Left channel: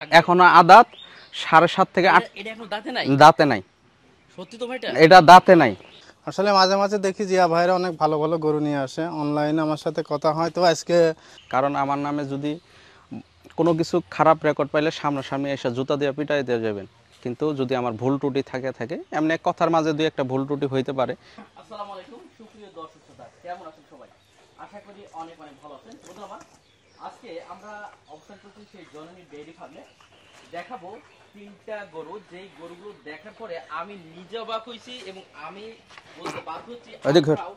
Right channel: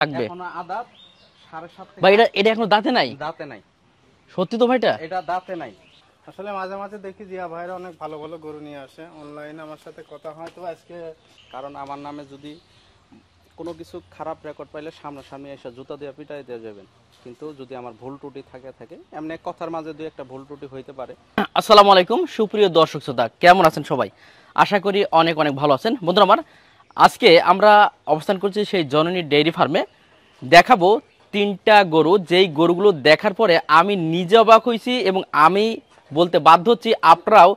এখনো আদাত 7.5 থেকে 8। এটা এখনো দাঁতে নাই? দাঁতে নাই। সত্যি তো ভাইটা? এটা দাঁতে নাই। আসলে মাঝে মাঝে দেখি জিয়া ভাইরা অনেক ভালো ভালো গরু নিয়ে আসে, অনলাইনে আমার সাথে কথা হয়। তো আজকে কারণ আমার নামে যদি কোনো কিছু খারাপ রেকর্ড পাইলে সামনাসামনি এসে জুতা দিয়ে পিটাই দিয়ে যাবেন, কিন্তু যদি আমার ভুল ত্রুটি থাকে এমনি কথার মাঝে দুই একটা ভুল ত্রুটি হইতে পারে। আসসালামু আলাইকুম সুপ্রিয় দর্শক শ্রোতা, কেমন আছেন সবাই? আশা করি অনেক অনেক ভালো আছেন। বন্ধুরা আমার, আজকে আমরা অবস্থান করছি সেই জননী ডেইরি ফার্মে। দেখাবো 3টা গরু, যেই গরুগুলো দেখার পরে আমি নিজে অবাক হয়েছি এবং আমি বলতে বাধ্য হচ্ছি আপনারাও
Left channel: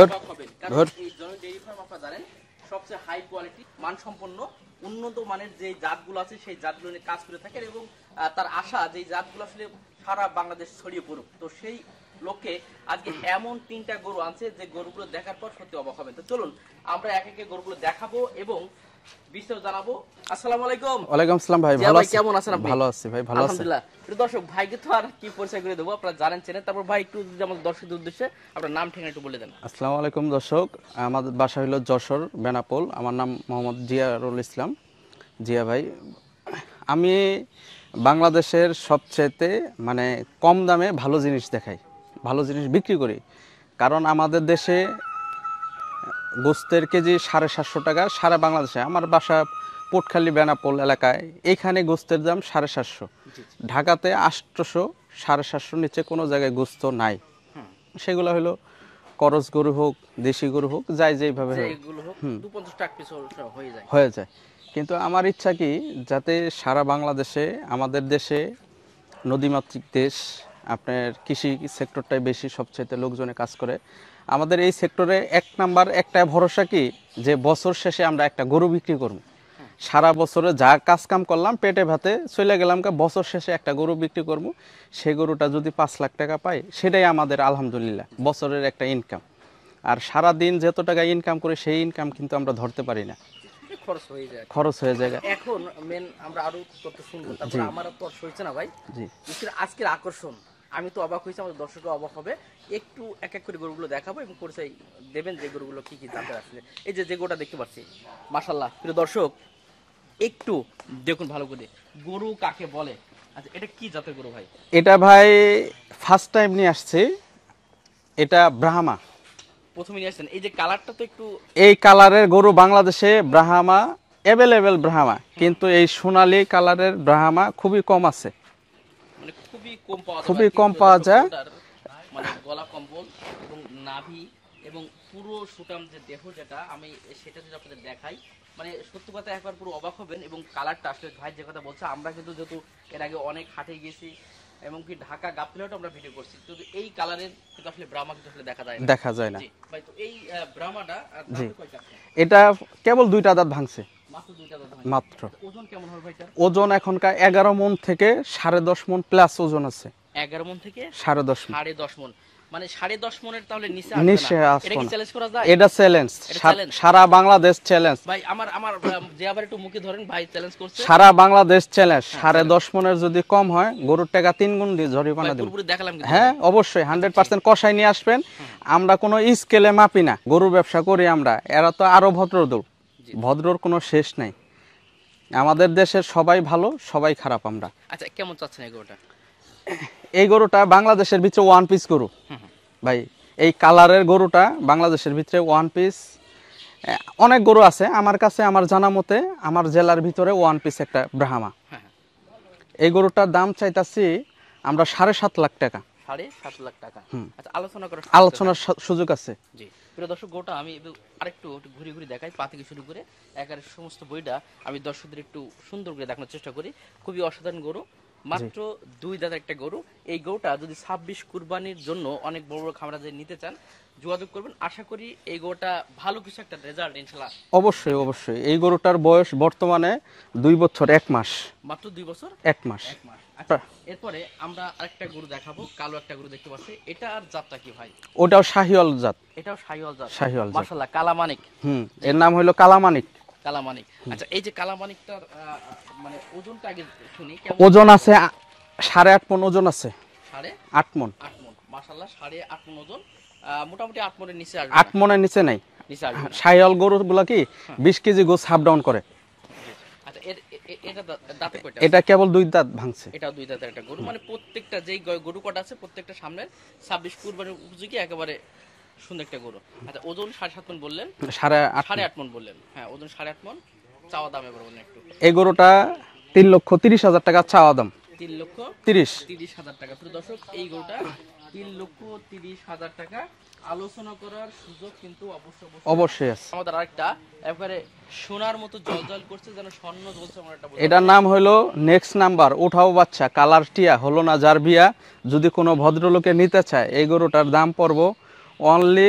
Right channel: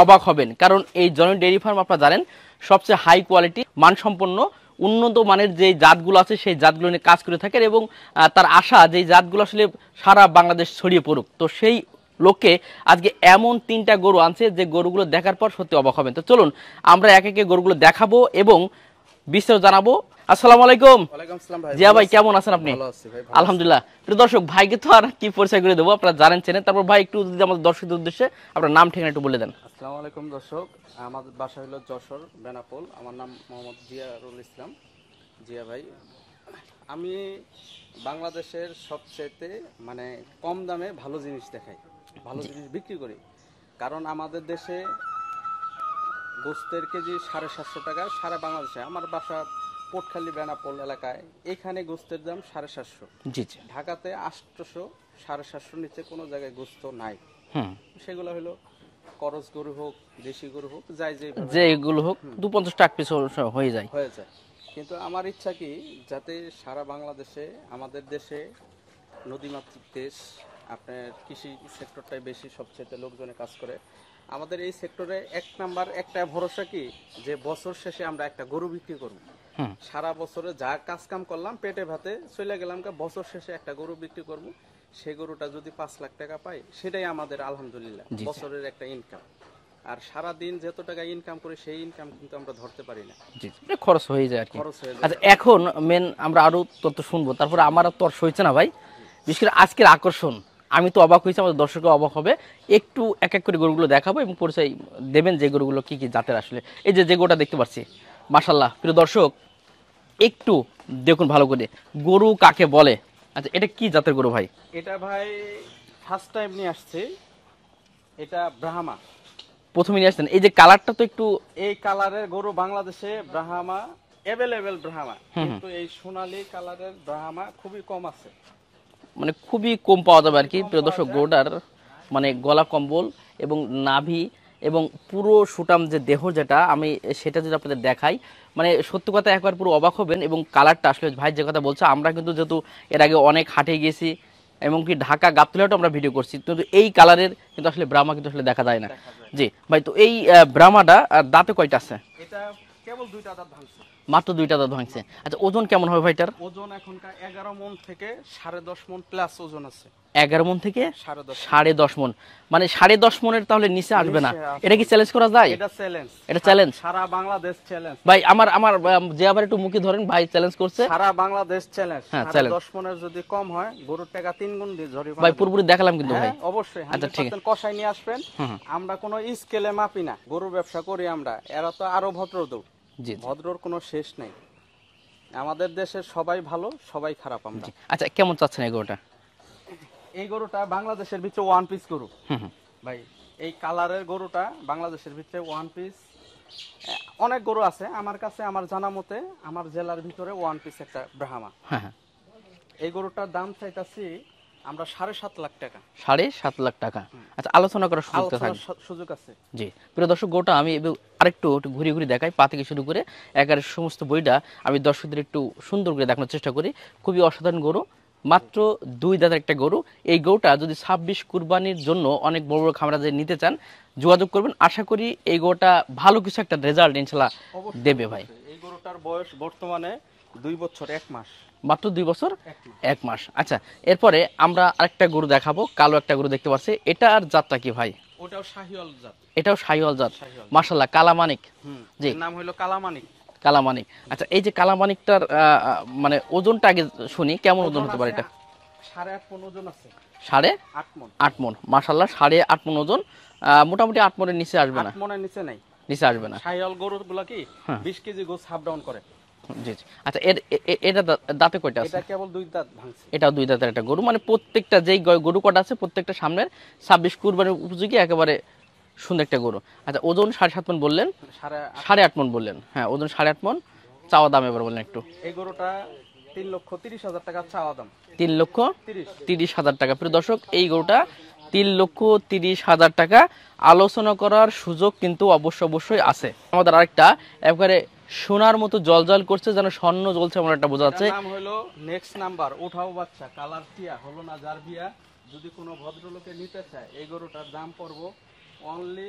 অবাক হবেন। কারণ এই জননী ডেইরি ফার্ম আপনারা জানেন সবচেয়ে হাই কোয়ালিটি মানসম্পন্ন উন্নত মানের যে জাতগুলো আছে সেই জাতগুলো নিয়ে কাজ করে থাকেন এবং তার আশা যে জাতগুলো আসলে সারা বাংলাদেশ ছড়িয়ে পড়ুক। তো সেই লোককে আজকে এমন 3টা গরু আনছে যে গরুগুলো দেখার পর সত্যি অবাক হবেন। তো চলুন আমরা এক একে গরুগুলো দেখাবো এবং বিস্তারিত জানাবো। আসসালামু আলাইকুম। ওয়ালাইকুম আসসালাম ভাই। জিয়া ভাই কেমন আছেন আপনি? ভালো আছি ভাই, ভালো। আলহামদুলিল্লাহ। প্রিয় দর্শক, ভাইকে তো আর কি পরিচয় করে দেবো, আপনারা জানেন চেনেন। তারপর ভাই একটু যদি আমাদের দর্শকদের উদ্দেশ্যে আপনার নাম ঠিকানা একটু বলে দেন। আসসালামু আলাইকুম দর্শক, আমাদের বাসা হলো যশোর বেনাপোল। আমার নাম মোহাম্মদ জিয়ারুল ইসলাম। জিয়া ভাই, আমি বাংলাদেশের সবচেয়ে মানে কম দামে ভালো জিনিস দেখাই, ভালো জিনিস বিক্রি করি। কারণ আমাদের দেশে গোস্তের কেজি 750 টাকা, সারা বাংলাদেশে। আমার বাসা পোটখালি বেনাপোল এলাকায়, এইখানে গোস্তের দাম 750। জি জি। ঢাকাতে 800, 750 নিচে কোনো জায়গায় গোস্ত নাই। সেগুলো হলো করজ গরু হোক, দেশি গরু হোক, যাই যেইভাবে যেগুলো হোক 250 টাকা পিস হয়ে যায়। কিন্তু আমার ইচ্ছা কি, যাতে সারা বাংলাদেশে, আমাদের দেশে নদীমাতৃক দেশ, আপনার কৃষি সেক্টরটাই বেশি সবচেয়ে লোকজনে কাজ করে। আমাদের এই সেক্টরে এক নাম্বার একটা ভরসা কি, যে বছর শেষে আমরা একটা গরু বিক্রি করব। সারা বছরে যা কাজ কাম করলাম পেটে ভাতে চলে গেলাম, বছর শেষে একটা গরু বিক্রি করব। সেই গরুটা যদি 5 লাখ টাকা পাই, সেটাই আমাদের আলহামদুলিল্লাহ বছরের একটা ইনকাম। আর সারা দিন যত টাকা ইনকাম করে সেই ইনকাম কিন্তু আমরা ধরতে পারি না, খরচ হয়ে যায়। এখন মেন আমরা আরো তথ্য শুনবো, তারপরে আমার তো আর সইছে না ভাই। বিশেষ করে আজকের আকর্ষণ, আমি তো অবাক হয়েছি, আমাদের দর্শকও অবাক হবে। একটু এক এক করে গরুগুলো দেখাবো এবং পরিচয় দেবেন যে গরুগুলো কি কি জাতের। আসলে এই যে গরুটা দেখতে পাচ্ছি, মাশাআল্লাহ। প্রিয় দর্শক, একটু দেখুন ভালো করে, গরু কাকে বলে। আচ্ছা, এটা কি জাতের গরু ভাই? এটা ভাই ফার্স্ট টাইম নিয়ে আসছে, এটা ব্রাহ্মা। প্রথমে নিয়ে আসছেন, এই যে কালারটা তো একটু, এই কালারের গরু বাংলাদেশে ব্রাহ্মা অ্যাভেলেবেল ব্রাহ্মা, কিন্তু এই সোনালী কালারের ব্রাহ্মা খুবই কম আছে, মানে খুবই কম পাওয়া যাবে আর কি। কম পাওয়া যায়। গরুটার মানে গলা কম্বল এবং নাভি এবং পুরো সুটাম যে দেহ, যেটা আমি সেটা যদি আপনাদের দেখাই, মানে সত্যি কথা একবার পুরো অবাক হবেন। এবং কালারটা আসলে ভাই যে কথা বলছে, আমরা কিন্তু যেহেতু এর আগে অনেক হাটে গেছি এবং কি ঢাকা গাবতলীহাটও আমরা ভিডিও করছি, কিন্তু এই কালারের কিন্তু আসলে ব্রাহ্মা কিন্তু আসলে দেখা যায় না। জি ভাই, তো এই ব্রাহ্মাটা দাঁতে কয়টা আছে? এটা কেবল 2টা দাঁত ভাঙছে, মাত্র 2টা দাঁত ভাঙছে। আচ্ছা, ওজন কেমন হবে ভাইটার? ওজন এখনকার 11 মণ থেকে 10.5 মণ প্লাস ওজন আছে। 11 মণ থেকে 10.5 মণ, মানে 10.5 মণের তাহলে নিচে আসবে না। এটা কি চ্যালেঞ্জ করা যায়? এটা চ্যালেঞ্জ, সারা বাংলাদেশ চ্যালেঞ্জ ভাই। আমার যে আবার একটু মুখে ধরেন, ভাই চ্যালেঞ্জ করছে, সারা বাংলাদেশ চ্যালেঞ্জ। 10.5 মণের যদি কম হয়, গরুর টাকা 3 গুণ দিয়ে জরিমানা ভাই পুরোপুরি দেখালাম কিন্তু। হ্যাঁ অবশ্যই 100% কষাই নিয়ে আসবেন। আমরা কোনো স্কেলে মাপি না, গরুর ব্যবসা করি আমরা। এরা তো আরো ভদ্রদৌড়, ভদ্রর কোনো শেষ নাই। আমাদের দেশের সবাই ভালো, সবাই খারাপ আমরা। আচ্ছা, কেমন চাচ্ছেন এই গরুটা? এই গরুটা বাংলাদেশের ভিতরে ওয়ান পিস গরু ভাই। এই কালারের গরুটা বাংলাদেশের ভিতরে ওয়ান পিস। অনেক গরু আছে আমার কাছে, আমার জানা মতে আমার জেলার ভিতরে ওয়ান পিস একটা ব্রাহ্মা। এই গরুটার দাম চাইতাছি আমরা 7.5 লাখ টাকা। 7.5 লাখ টাকা। আচ্ছা, আলোচনার সুযোগ আছে। জি প্রিয় দর্শক, গরুটা আমি আরেকটু ঘুরে ঘুরে দেখাই, পা থেকে শুরু করে একেবারে সমস্ত বইটা আমি দর্শকদের একটু সুন্দর করে দেখানোর চেষ্টা করি। খুবই অসাধারণ গরু, মাত্র 2 দাঁতের একটা গরু। এই গরুটা যদি 26 কুরবানির জন্য অনেক বড় বড় খামারা যে নিতে চান, যোগাযোগ করবেন। আশা করি এই গরুটা ভালো কিছু একটা রেজাল্ট ইনশাআল্লাহ অবশ্যই অবশ্যই। এই গরুটার বয়স বর্তমানে 2 বছর 1 মাস, মাত্র 2 বছর 1 মাস। আচ্ছা, এরপরে আমরা আরেকটা গরু দেখাবো, কালো একটা গরু দেখতে পাচ্ছি। এটার জাতটা কি ভাই? ওটাও শাহিওয়াল জাত। এটাও শাহিওয়াল জাত, মাশাআল্লাহ। কালামানিক, এর নাম হলো কালামানিক। কালামানিক। আচ্ছা, এই যে কালামানিকটার মানে ওজনটা আগে শুনি, কেমন ওজন আছে? 8.5 মণ ওজন আছে। 8.5 মণ? 8 মণ, মাশাআল্লাহ। 8.5 মণ ওজন, মোটামুটি 8 মণের নিচে আসবে না। 8 মণের নিচে নাই, নিচে আসবে না। শাহিওয়াল গরুগুলা কি 20 কেজি গোস হাফ ডাউন করে। আচ্ছা এটা দাঁতে কয়টা? এটা কেবল 2 দাঁত ভাঙছে। এটাও 2 দাঁতের একটা গরু, মানে প্রত্যেকটা যেই গরু কটা আছে প্রত্যেকটা সামনের 26 কুরবানির উপযোগী একেবারে সুন্দর একটা গরু। আচ্ছা ওজন 7.5 মণ বললেন, 8.5 মণ বললেন। হ্যাঁ ওজন 8.5 মণ। চাওয়া দাম এবার বলেন একটু। এই গরুটা 3,30,000 টাকা চাওয়া দাম। 3,30,000 টাকা। প্রিয় দর্শক এই গরুটা 3,30,000 টাকা। আলোচনা করার সুযোগ কিন্তু অবশ্যই আছে। আমাদের আরেকটা একবারে সোনার মতো জলজল করছে, যেন স্বর্ণ জ্বলছে এমন একটা বোঝা যাচ্ছে। এটার নাম হলো নেক্সট নাম্বার উঠাও বাচ্চা, কালার টিয়া, হলো না জারবিয়া। যদি কোনো ভদ্রলোকে নিতে চায় এই গরুটার দাম পড়বো অনলি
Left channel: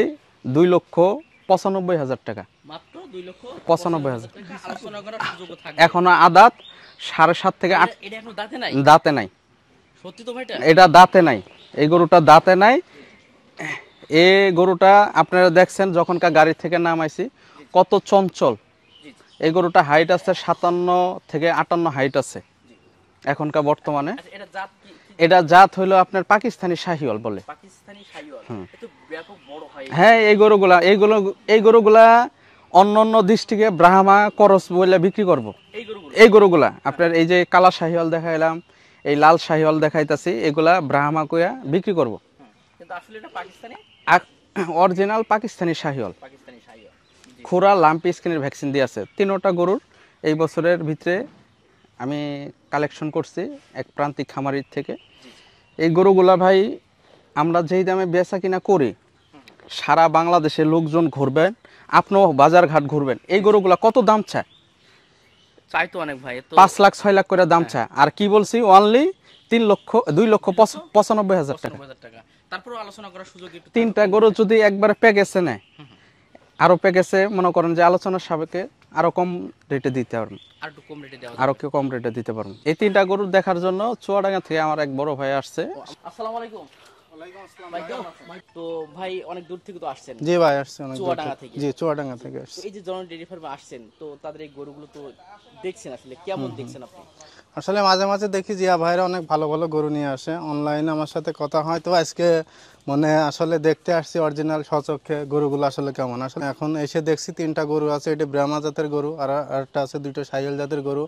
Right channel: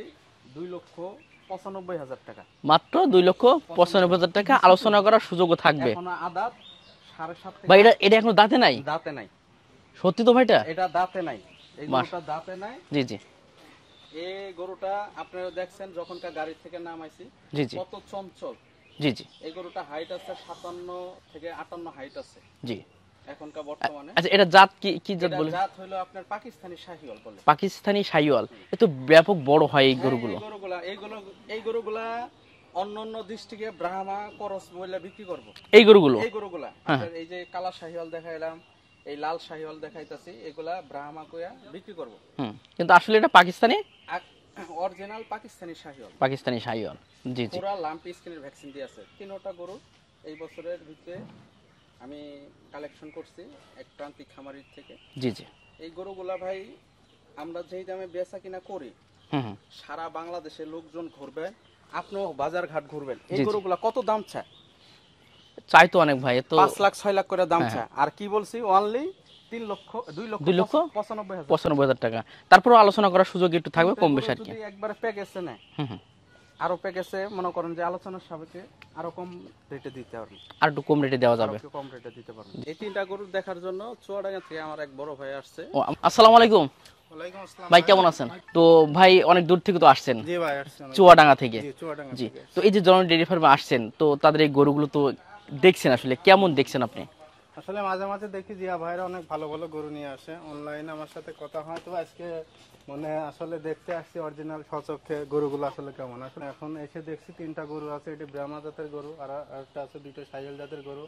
2,95,000 টাকা। মাত্র 2,95,000 টাকা। আলোচনা করার সুযোগও থাকবে। এখনো আদাত 7.5 থেকে এটা এখনো দাঁতে নাই? দাঁতে নাই। সত্যি তো ভাইটা? এটা দাঁতে নাই, এই গরুটা দাঁতে নাই। জি জি। এই গরুটা আপনারা দেখছেন যখনকার গাড়ি থেকে নামাইছি কত চঞ্চল। জি জি। এই গরুটা হাইট আছে 57 থেকে 58 হাইট আছে জি এখনকার বর্তমানে। আচ্ছা এটা জাত কি? এটা জাত হলো আপনার পাকিস্তানি শাহিওয়াল বলে। পাকিস্তানি শাহিওয়াল। এত ব্যাপক বড় হয় এই। হ্যাঁ এই গরুগুলা অন্যান্য ডিস্ট্রিক্টে ব্রাহ্মা করস বলে বিক্রি করব। এই গরুগুলা আপনার এই যে কালা শাহিওয়াল দেখাইলাম, এই লাল শাহিওয়াল দেখাইতাছি, এগুলা ব্রাহ্মা কইয়া বিক্রি করব। কিন্তু আসলে এটা পাকিস্তানি অরিজিনাল পাকিস্তানি শাহিওয়াল। জি। খুরা লাম্পি স্কিনের ভ্যাকসিন দিয়ে আছে। 3টা গরুর এই বছরের ভিতরে আমি কালেকশন করছি এক প্রান্তিক খামারির থেকে। জি জি। এই গরুগুলা ভাই আমরা যেই দামে বেচা কিনা করি, সারা বাংলাদেশে লোকজন ঘুরবেন, আপনিও বাজার ঘাট ঘুরবেন, এই গরুগুলা কত দাম চাই তো অনেক ভাই, 5 লাখ 6 লাখ করে দাম চায়। আর কি বলছি অনলি 2,95,000 টাকা। তারপর আলোচনা করার সুযোগ একটু থাকবে। 3টা গরু যদি একবারে প্যাকেজে নেয়, আরো প্যাকেজে মনে করেন যে আলোচনার সাপেক্ষে আরো কম রেটে দিতে পারবেন, আর একটু কম রেটে দেওয়া যাবে, আরো কম রেটে দিতে পারবেন। এই 3টা গরু দেখার জন্য চুয়াডাঙ্গা থেকে আমার এক বড় ভাই আসছে। আসসালামু আলাইকুম ভাই, কেমন আছেন? তো ভাই অনেক দূর থেকে তো আসছেন। জি ভাই আসছে চুয়াডাঙ্গা থেকে। জি চুয়াডাঙ্গা থেকে। তো এই যে জননী ডেইরি ফার্মে আসছেন, তো তাদের এই গরুগুলো তো দেখছেন, আসলে কেমন দেখছেন আপনি? আসলে মাঝে মাঝে দেখি জিয়া ভাইরা অনেক ভালো ভালো গরু নিয়ে আসে, অনলাইনে আমার সাথে কথা হয়। তো আজকে মানে আসলে দেখতে আসছি অরিজিনাল স্বচক্ষে গরুগুলো আসলে কেমন। আসলে এখন এসে দেখছি 3টা গরু আছে, এটা ব্রাহ্মা জাতের গরু, আর একটা আছে 2টা শাহিওয়াল জাতের গরু।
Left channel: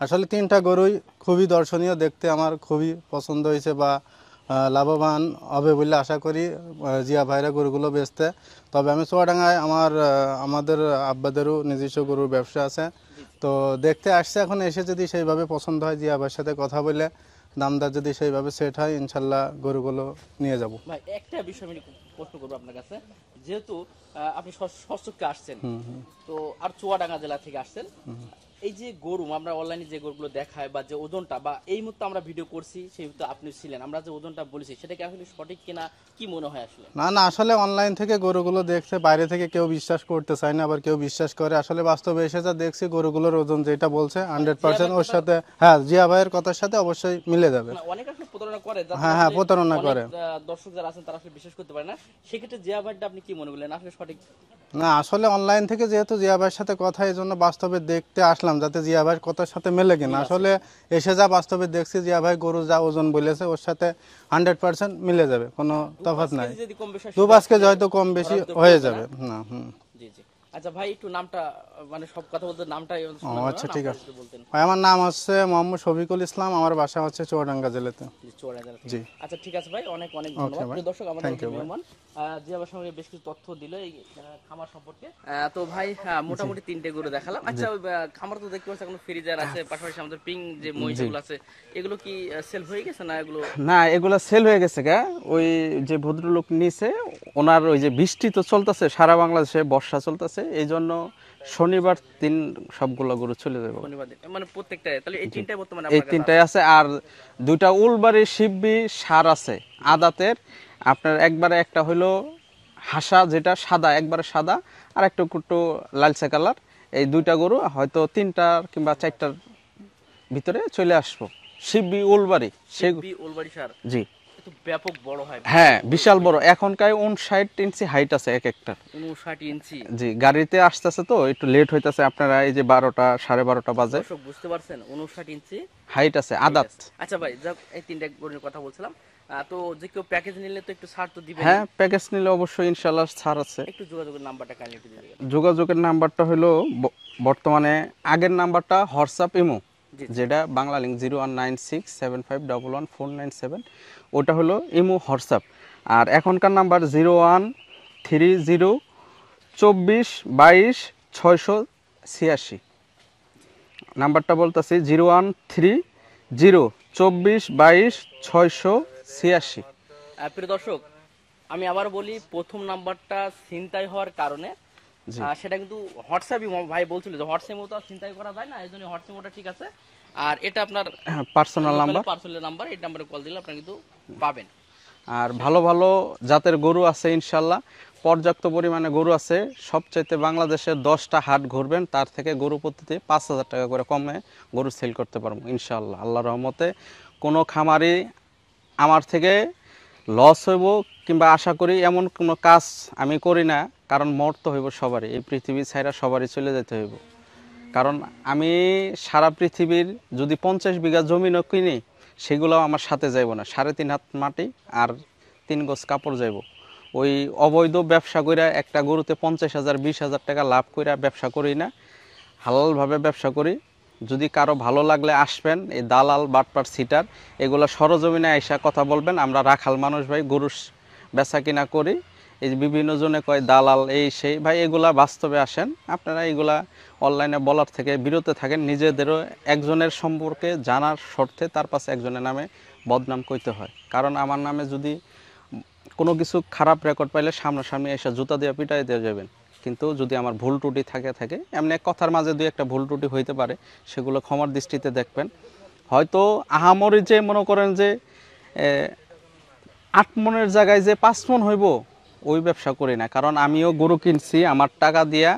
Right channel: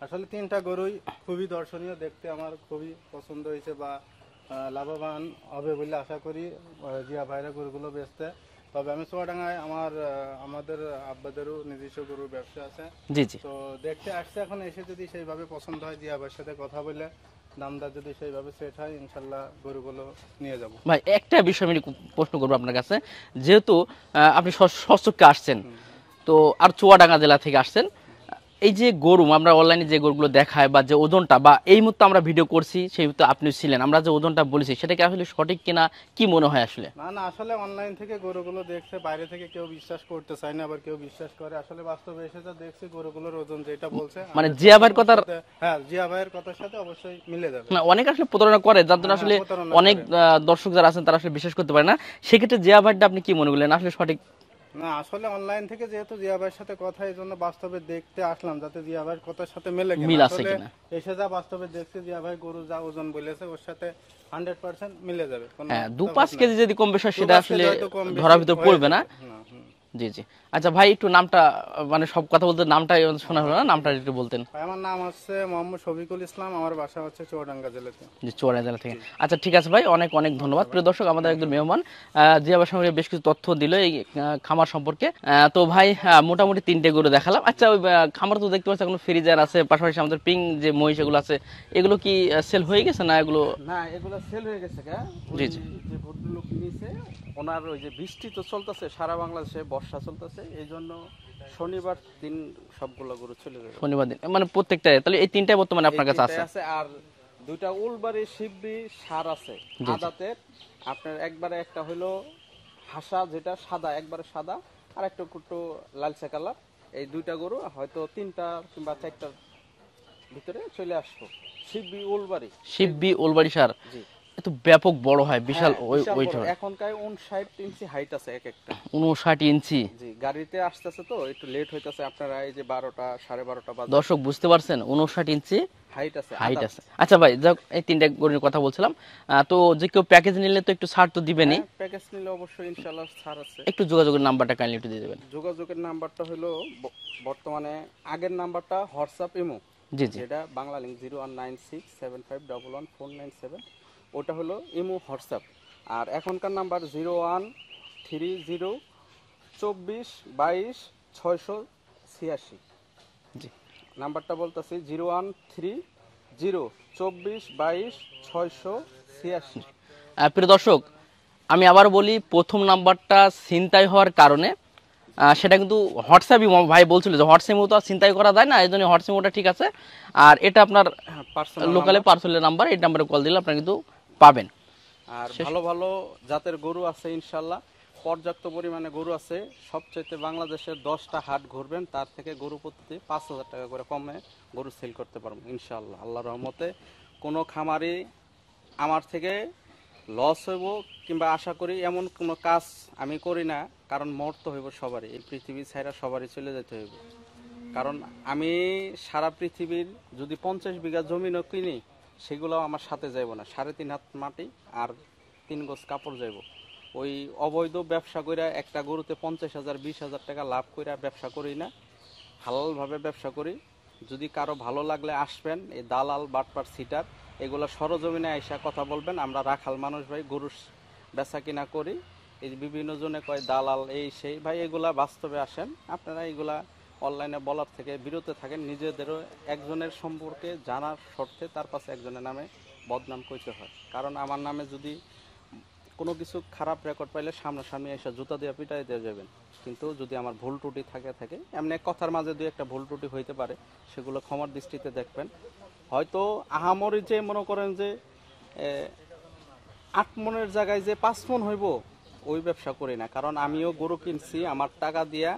আসলে 3টা গরুই খুবই দর্শনীয়, দেখতে আমার খুবই পছন্দ হয়েছে বা লাভবান হবে বলে আশা করি জিয়া ভাইরা গরুগুলো বেচতে। তবে আমি চুয়াডাঙ্গায় আমাদের আব্বাদেরও নিজস্ব গরুর ব্যবসা আছে। জি জি। তো দেখতে আসছে, এখন এসে যদি সেইভাবে পছন্দ হয় জিয়া ভাইয়ের সাথে কথা বলে দামদার যদি সেইভাবে সেট হয়, ইনশাল্লাহ গরুগুলো নিয়ে যাব। ভাই একটা বিষয় আমি প্রশ্ন করবো আপনার কাছে, যেহেতু আপনি সচক্ষে আসছেন, তো আর চুয়াডাঙ্গা জেলা থেকে আসছেন, এই যে গরু আমরা অনলাইনে যে গরুগুলো দেখায় বা যে ওজনটা বা এই মুহূর্তে আমরা ভিডিও করছি সেই মুহূর্তে আপনি ছিলেন, আমরা যে ওজনটা বলেছি সেটা কি আসলে সঠিক কিনা, কি মনে হয় আসলে? না আসলে অনলাইন থেকে গরুগুলো দেখছে, বাইরে থেকে কেউ বিশ্বাস করতে চায় না, আবার কেউ বিশ্বাস করে। আসলে বাস্তবে এসে যা দেখছি গরুগুলোর ওজন যেটা বলছে মানে জিয়া ভাইয়ের কথা, হ্যাঁ জিয়া ভাইয়ের কথার সাথে অবশ্যই মিলে যাবে। না অনেক আসলে প্রতারণা করে, যার জন্য আসলে অনেক দর্শক যারা আছেন তারা আসলে বিশ্বাস করতে পারে না। সেক্ষেত্রে জিয়া ভাইটা আপনি কি মনে করলেন আসলে সঠিক? না আসলে অনলাইন থেকে যেহেতু জিয়া ভাইয়ের সাথে কথা, এই জন্য বাস্তবে দেখতে আসলাম যাতে জিয়া ভাইয়ের কথার সাথে মেলে কিনা। আসলে এসে যা বাস্তবে দেখছি জিয়া ভাই গরু যা ওজন বলেছে ওর সাথে 100% মিলে যাবে। কোনো 2-5 কেজি যদি কম বেশি হয় সেটা আসলে হয়তো কম বেশি ধরার ভিতর পড়বে না। জি জি। আচ্ছা ভাই একটু নামটা, মানে সব কথা বলতে নামটা শোনা হলো না, নামটা একটু বলতেন। ভাই আমার নাম হচ্ছে মোহাম্মদ শফিকুল ইসলাম, আমার বাসা হচ্ছে চুয়াডাঙ্গা জেলাতে। জি চুয়াডাঙ্গা জেলা থেকে। আচ্ছা ঠিক আছে ভাই, অনেক অনেক ধন্যবাদ। প্রিয় দর্শক আমাদের একজন মেহমান জিয়া ভাই সঙ্গে বেশ কিছু তথ্য দিল এই খামার সম্পর্কে। তো ভাই মোটামুটি 3টে গরু দেখালাম। আচ্ছা ওই খামার তো দেখতে পাচ্ছি এখন ফ্রিজার আছে, পাশাপাশি আমাদের পিং যে মহিষ এগুলো আছে, এগুলো কি সেল হয়ে গেছে না? এগুলো সেল হয়ে গেছে গা। ওই যে ভদ্রলোক নিছে ওনার ওই যে বৃষ্টি তো চলতেছে সারা বাংলাদেশে, বর্ষা চলতেছে, এই জন্য শনিবার দিন সবগুলো গরু চলে যাবে। শনিবার দিন মানে প্রত্যেকটা, তাহলে এই 3টাই বর্তমানে আপনার কাছে আছে? 3টাই আছে, আর 2টা উলবাড়ি শিববি সার আছে আদাতের। আপনার একবারে একটা হলো হাসা যেটা সাদা, একবারে সাদা, আর একটা একটু লালচে কালার। এই 2টা গরু হয়তো 3টা কিংবা 4টার ভিতরে চলে আসবো। শিববি উলবাড়ি সার। জি এত ব্যাপক বড় হয়। হ্যাঁ বিশাল বড়। এখনকার 59 ইঞ্চি হাইট আছে এক একটা। 59 ইঞ্চি। জি গাড়িতে আসতেছে তো একটু লেট হইতাছে। আপনারা এই যে 12টা 12:30 বাজে, দর্শক বুঝতে পারছেন 59 ইঞ্চি হাইট আছে আদাত। আচ্ছা ভাই যাক, এই 3টা গরুর কথা বলছিলাম। তো যে কেউ প্যাকেজ নিলে তো একটু ছাড় তো দিবেনই? হ্যাঁ প্যাকেজ নিলে অবশ্যই ইনশাআল্লাহ ছাড় আছে। একটু যোগাযোগের নাম্বারটা কাইন্ডলি একটু দিয়ে দিবেন। যোগাযোগের নাম্বারটা হলো বর্তমানে আগের নাম্বারটা হোয়াটসঅ্যাপ ইমো, জি জি যেটা বাংলা লিঙ্ক 0196751147, ওটা হলো ইমো হোয়াটসঅ্যাপ। আর এখনকার নাম্বার 013024226686। জি। নাম্বারটা বলতেছি 013024226686। প্রিয় দর্শক, আমি আবার বলি, প্রথম নাম্বারটা ছিনতাই হওয়ার কারণে সেটা কিন্তু হোয়াটসঅ্যাপ ইমো, ভাই বলছিল যে হোয়াটসঅ্যাপ ইমো তো আর ছিনতাই করা যায় না, এই জন্য হোয়াটসঅ্যাপ ইমোটা ঠিক আছে। আর এটা আপনার পার্সোনাল লোকালে পার্সোনাল নাম্বার, এই নাম্বারে কল দিলে আপনারা কিন্তু পাবেন। আর ভালো ভালো জাতের গরু আছে ইনশাল্লাহ, পর্যাপ্ত পরিমাণে গরু আছে। সবচাইতে বাংলাদেশের 10টা হাট ঘুরবেন, তার থেকে গরু প্রতিতে 5,000 টাকা করে কমে গরু সেল করতে পারবো ইনশাল্লাহ। আল্লাহর রহমতে কোনো খামারি আমার থেকে লস হইব কিংবা আশা করি এমন কোনো কাজ আমি করি না, কারণ মরতে হইব সবারই, এই পৃথিবী ছাইরা সবারই চলে যেতে হইব। কারণ আমি সারা পৃথিবীর যদি 50 বিঘা জমিনও কিনি, সেগুলোও আমার সাথে যাইব না। 3.5 হাত মাটি আর 3 গজ কাপড় যাইব। ওই অবৈধ ব্যবসা কইরা একটা গরুতে 50,000 20,000 টাকা লাভ কইরা ব্যবসা করি না, হালালভাবে ব্যবসা করি। যদি কারো ভালো লাগলে আসবেন, এই দালাল বাটপার সিটার এগুলো সরজমিনে আইসা কথা বলবেন। আমরা রাখাল মানুষ ভাই, গরু বেচা কিনা করি। এই যে বিভিন্ন জনে কয় দালাল এই সেই, ভাই এগুলা বাস্তবে আসেন আপনারা, এগুলা অনলাইনে বলার থেকে বিরত থাকেন। নিজেদেরও একজনের সম্পর্কে জানার স্বার্থে তার পাশে একজনের নামে বদনাম কইতে হয়। কারণ আমার নামে যদি কোনো কিছু খারাপ রেকর্ড পাইলে সামনাসামনি এসে জুতা দিয়ে পিটাই দিয়ে যাবেন। কিন্তু যদি আমার ভুল ত্রুটি থাকে এমনি কথার মাঝে দুই একটা ভুল ত্রুটি হইতে পারে, সেগুলো ক্ষমার দৃষ্টিতে দেখবেন। হয়তো আহামরি যে মনে করেন যে 8 মনের জায়গায় যে 5 মন হইব, ওই ব্যবসা করি না। কারণ আমিও গরু কিনছি আমার টাকা দিয়া,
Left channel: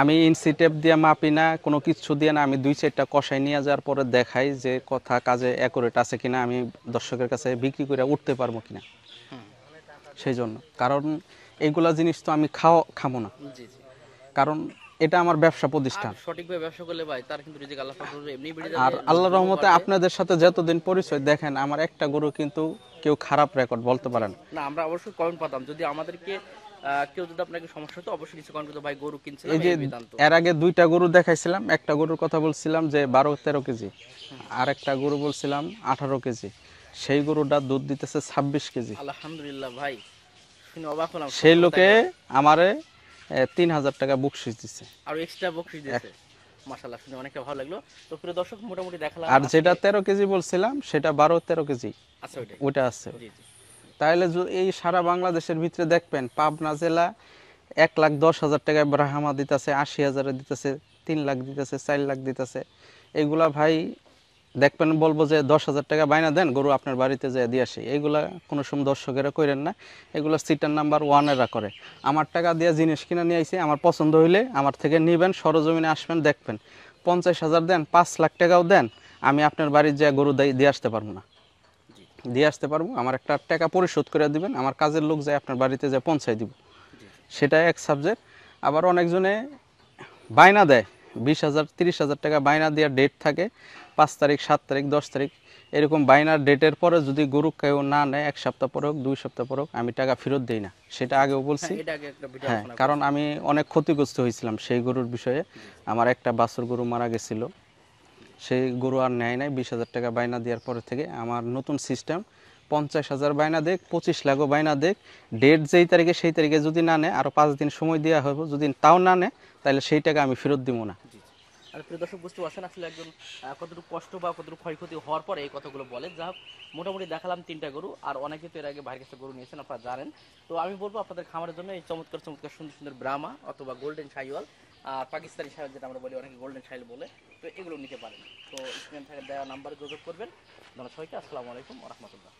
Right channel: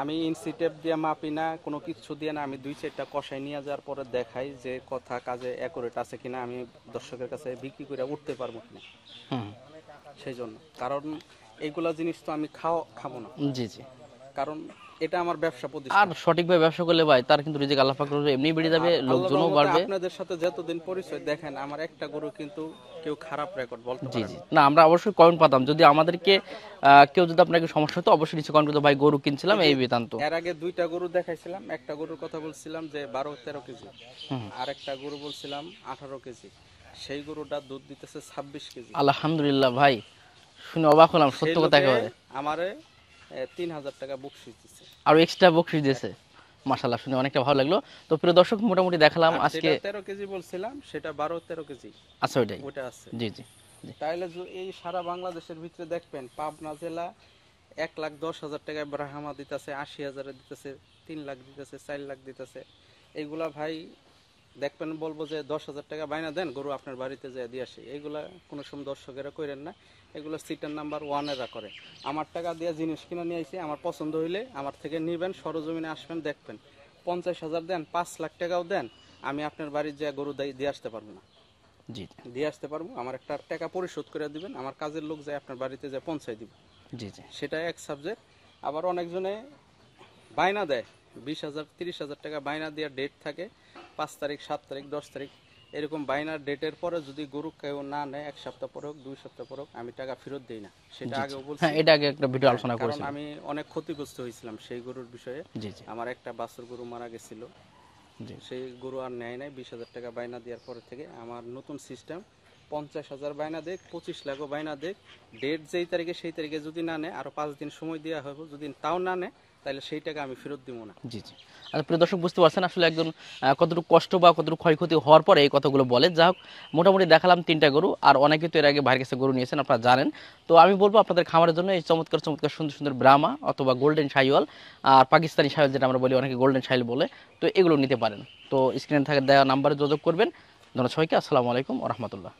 আমি ইঞ্চি টেপ দিয়ে মাপি না, কোনো কিছু দিয়ে না। আমি 2-4টা কষাই নিয়ে যাওয়ার পরে দেখাই যে কথা কাজে অ্যাকুরেট আছে কিনা, আমি দর্শকের কাছে বিক্রি করে উঠতে পারবো কিনা। সেই জন্য, কারণ এইগুলা জিনিস তো আমি খাবো না। জি জি। কারণ এটা আমার ব্যবসা আর প্রতিষ্ঠান। সঠিকভাবে ব্যবসা করলে ভাই তার কিন্তু রিজিক আল্লাহ পাক এমনি বেড়ে যাবে, আর আল্লাহর লোকজনও রহমতে বাড়বে। আপনাদের সাথে যতদিন পরিচয়, দেখেন আমার একটা গরু কিন্তু কেউ খারাপ রেকর্ড বলতে পারেন। না, আমরা অবশ্যই কমেন্ট পাতাম, যদি আমাদেরকে কেউ যদি আপনাকে সমস্যা হতো অবশ্যই নিচে কমেন্ট করতো, ভাই গরু কিনছিলাম এই বেদান্ত। এর আগে 2টা গরু দেখাইছিলাম, একটা গরুর কথা বলছিলাম যে 12-13 কেজি, আর একটা গরু বলছিলাম 18 কেজি। সেই গরুটা দুধ দিতেছে 26 কেজি। আলহামদুলিল্লাহ ভাই, শুনে অবাক হলাম। সেই লোকে আমারে 3,000 টাকা বকশিশ দিছে, আর এক্সট্রা বকশিশ দিয়েছে। মাশাআল্লাহ, শুনে অনেকটা ভালো লাগলো। তো প্রিয় দর্শক, মোটামুটি দেখালাম আর যেটা আজকে। 13 কেজি বলছিলাম সেটা 12-13 কেজি। আচ্ছা, ওইটাই। ওটা আছে। জি জি। তাহলে এই সারা বাংলাদেশের ভিতরে দেখবেন, পাবনা জেলা 1,10,000 টাকায় ব্রাহ্মা দিতেছে, 80,000 দিতেছে, 3 লাখ দিতেছে, 4 লাখ দিতেছে। এগুলা ভাই দেখবেন, বলবো যে 10,000 টাকা বাইনা দেন, গরু আপনার বাড়িতে যায় দিয়ে আসে। এইগুলা কোনো সময় দর্শকেরা করেন না। এগুলো সিটার নাম্বার 1-এরা করে। আমার টাকা দিয়ে জিনিস কিনে নিয়ে আইছি, আমার পছন্দ হইলে আমার থেকে নিবেন, সরজমিনে আসবেন, দেখবেন 50,000 দেন, 5 লাখ টাকাও দেন, আমি আপনার বাড়ির যে গরু দিয়ে আসতে পারবো না। জি দিয়ে আসতে পারবো, আমার একটা টাকা পরিশোধ করে দিবেন, আমার কাজের লোক যায় আপনার বাড়িতে যায় পৌঁছায় দিব। জি জি। সেটা এক সাবজেক্ট। আবার অনেকজনে বায়না দেয় 20,000 30,000 টাকা বায়না দিয়ে ডেট থাকে, 5 তারিখ 7 তারিখ 10 তারিখ, এরকম বায়নার ডেটের পরে যদি গরু কেউ না নেয়, 1 সপ্তাহ পরে হোক 2 সপ্তাহ পরে হোক, আমি টাকা ফেরত দেই না। সেটা আগেও বলছি। হ্যাঁ, এটা আগে একটা ভিডিও আলোচনা কারণ আমি অনেক ক্ষতিগ্রস্ত হয়েছিলাম সেই গরুর বিষয়ে। জি জি। আমার একটা বাছুর গরু মারা গেছিল, সেই গরু আর নেয় নাই। 20,000 টাকা বায়না দেওয়ার পরে থেকে আমার নতুন সিস্টেম, 50,000 বায়না দেখ, 25 লাখও বায়না দেখ, ডেট যেই তারিখে সেই তারিখে যদি না নেয়, আরও 5 দিন সময় দেওয়া হবে। যদি তাও না নেয়, তাহলে সেই টাকা আমি ফেরত দিব না। জি জি। আর প্রিয় দর্শক, বুঝতে পারছেন আসলে একজন কতটুকু কষ্ট বা কতটুকু ক্ষয়ক্ষতি হওয়ার পরে এই কথাগুলো বলে। যা হোক, মোটামুটি দেখালাম 3টা গরু, আর অনেকে তো এর আগে ভাইয়ের কাছে গরু নিয়েছেন, আপনারা জানেন। তো আমি বলবো আপনাদের খামারের জন্য এই চমৎকার চমৎকার সুন্দর সুন্দর ব্রাহ্মা অথবা গোল্ডেন শাহিওয়াল আর পাকিস্তানি শাহিওয়াল, যেটা আমরা বলি, অনেকে গোল্ডেন শাহিওয়াল বলে, তো এগুলো নিতে পারেন। তো স্ক্রিনে থাকে দেওয়া নাম্বারে যোগাযোগ করবেন। ধন্যবাদ সবাইকে। আসসালামু আলাইকুম ওয়া রাহমাতুল্লাহ।